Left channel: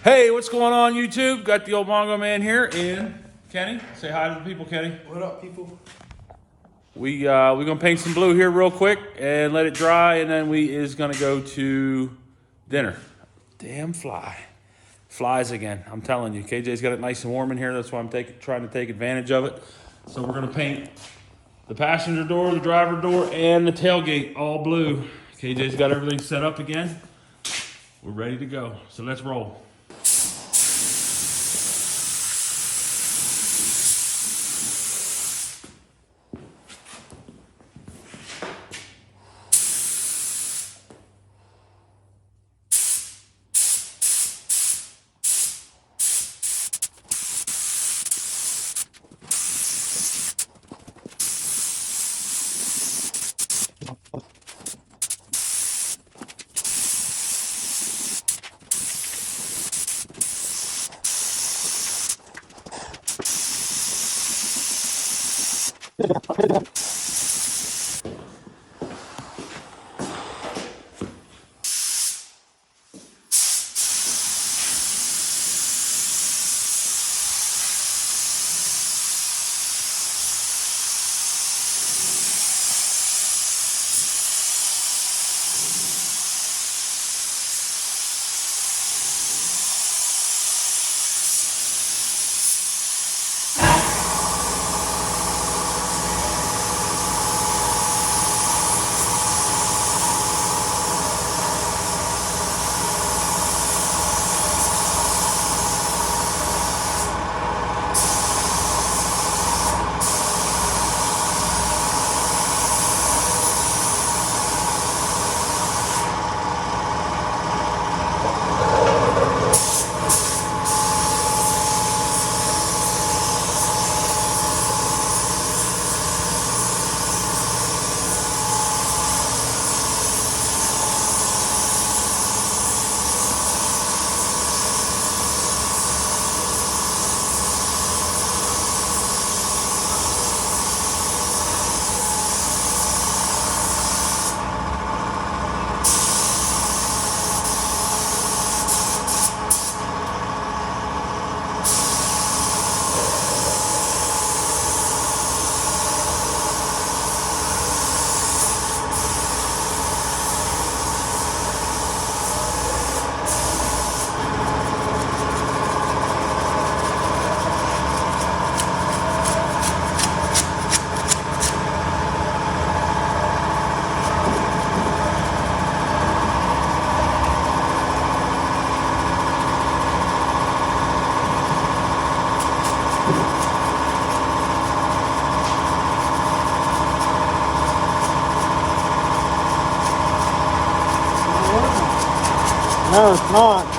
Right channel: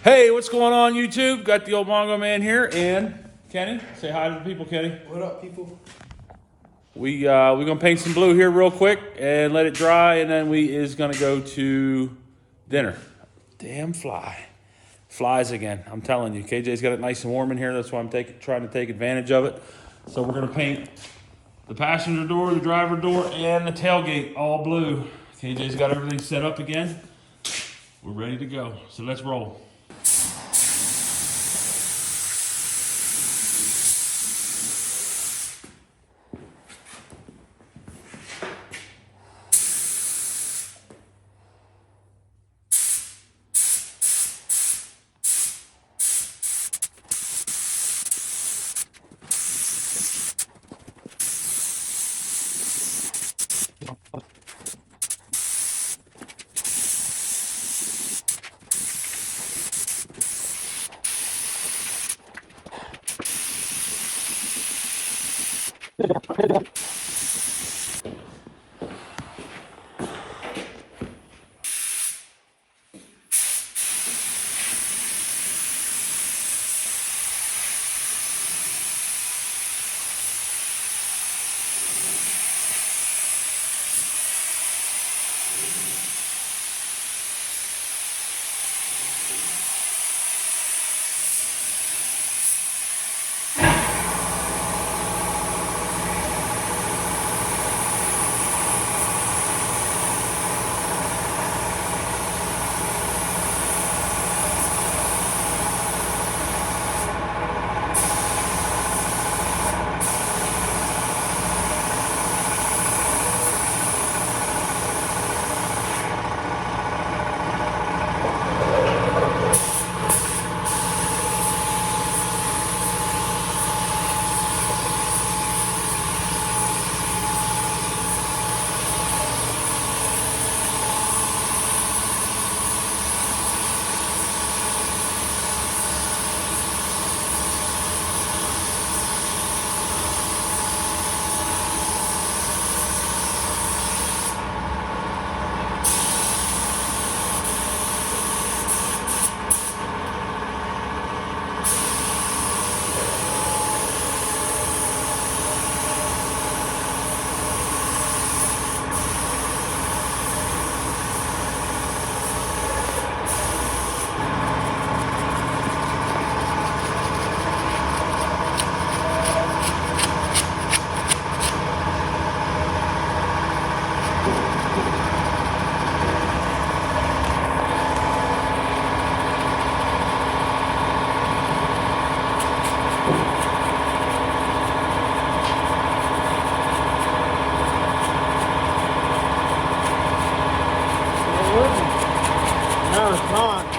Hey, what's going on, YouTube? Got the old Mongo man here, and Kenny. Say hi to the people, Kenny. What up, people? We're gonna paint some blue here real quick and let it dry, and then we is gonna go to dinner. Damn flies again. I'm telling you, KJ's got it nice and warm in here. That's why I'm trying to take advantage of it. So we're gonna paint the passenger door, the driver door, and the tailgate all blue. KJ's got everything set up again. We're ready to go. So let's roll. No, it's not.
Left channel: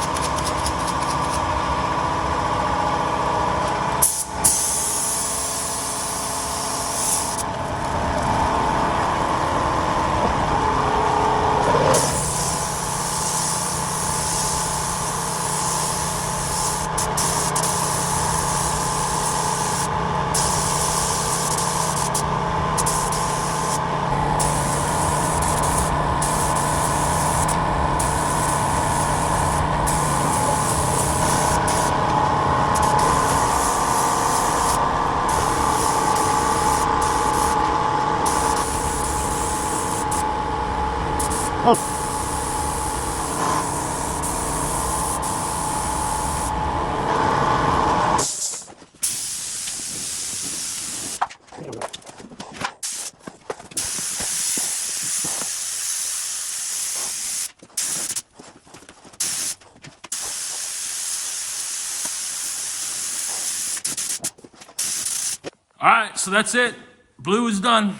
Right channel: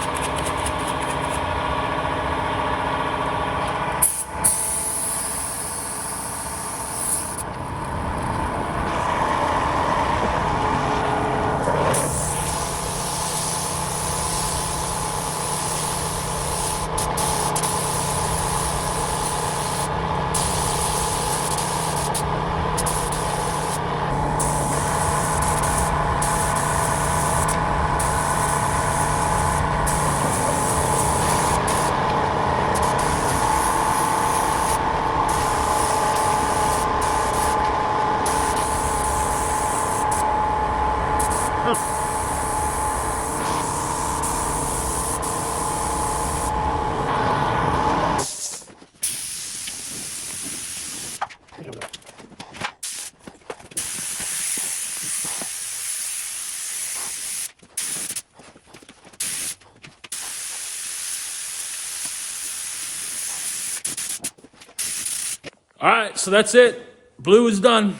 All right, so that's it. Blue is done.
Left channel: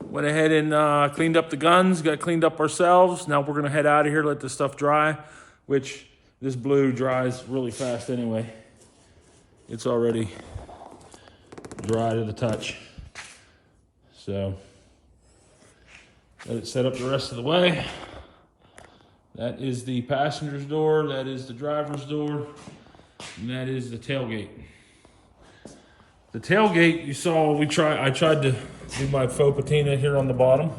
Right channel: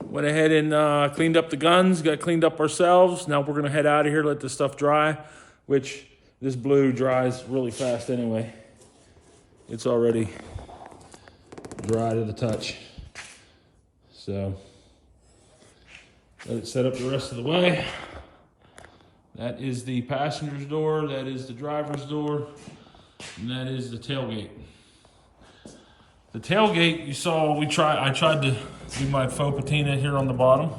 Went ahead and cleaned up the guns, got cleaned up ourselves. Now we're gonna head out of here, let this stuff dry, which this blue dries really fast anyway. It's already dry to the touch. So let it set up the rest of the way. That is the passenger's door, that is the driver's door, and that is the tailgate. The tailgate, you saw, I tried to do my faux patina here on the bottom,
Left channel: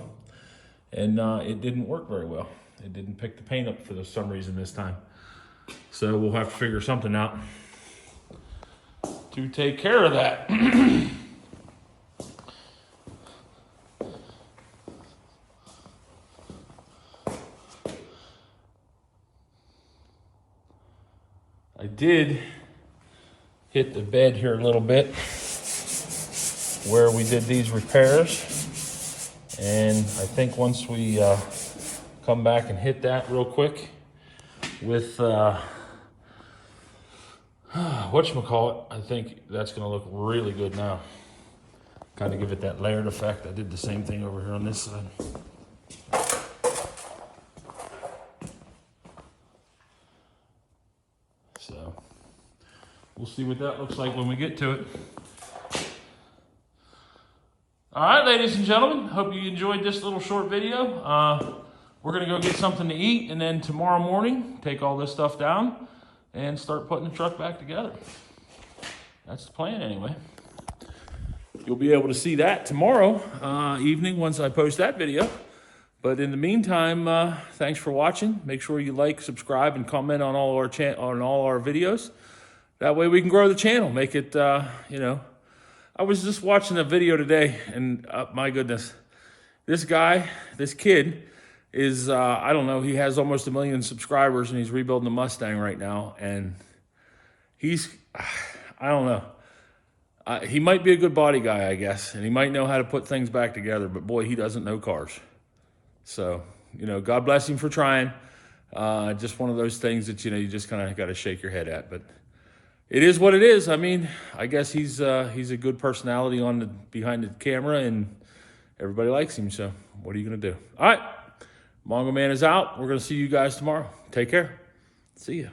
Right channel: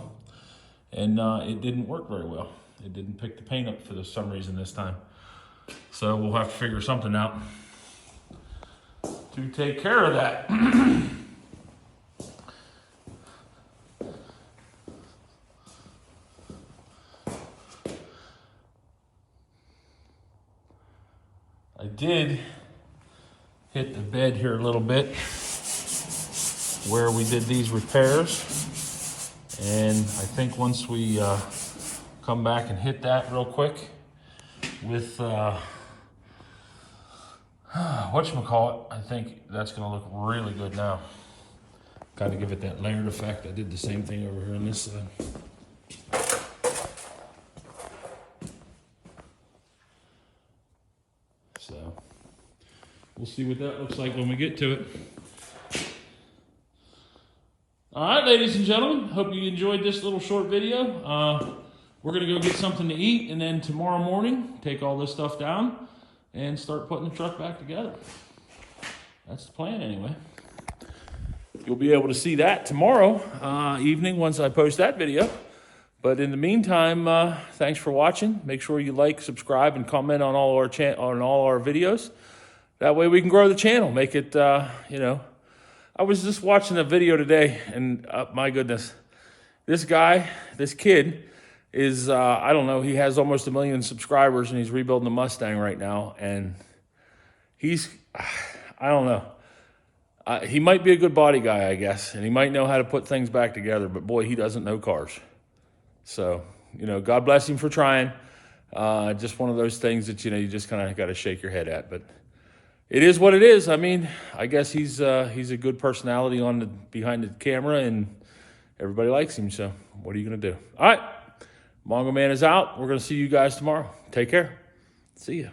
and it didn't work very well. It didn't pick the paint up for some reason this time. So we'll have to figure something out to take care of that. I did hit the bed here a little bit where we did these repairs. And I think once we come back and hit that real quick with whatchamacallit, I think that's gonna look really good now. Kind of give it that layered effect. I did the same thing over here on this side. So we'll see what that looks like when we get to it. All right, ladies and gentlemen, hope you enjoyed this little short video. We're gonna go get something to eat, and then tomorrow morning, take all this stuff down and start putting the truck back together. That's the plan anyway. You'll be able to see that tomorrow evening once I post that video. But in the meantime, thanks for watching. Make sure you like, subscribe, and comment on all our videos. That way we can grow the channel. Make it, you know. I was just watching a video today, and my goodness, this kid is, I don't know, he has almost 1 million subscribers, and he's rebuilding a Mustang right now. And he's, I don't know. He might be a good body guy, I guess, and he might know how to put things back together, but boy, he doesn't know cars. So, you know, God bless him for trying. Just one of those things that, you know, you just kind of got to shake your head at. But it is what it is. I mean, I guess he's a good personality behind the camera, and everybody likes him. So what are you going to do? All right. Mongo Man is out. We're going to see you guys tomorrow. Take care. See ya.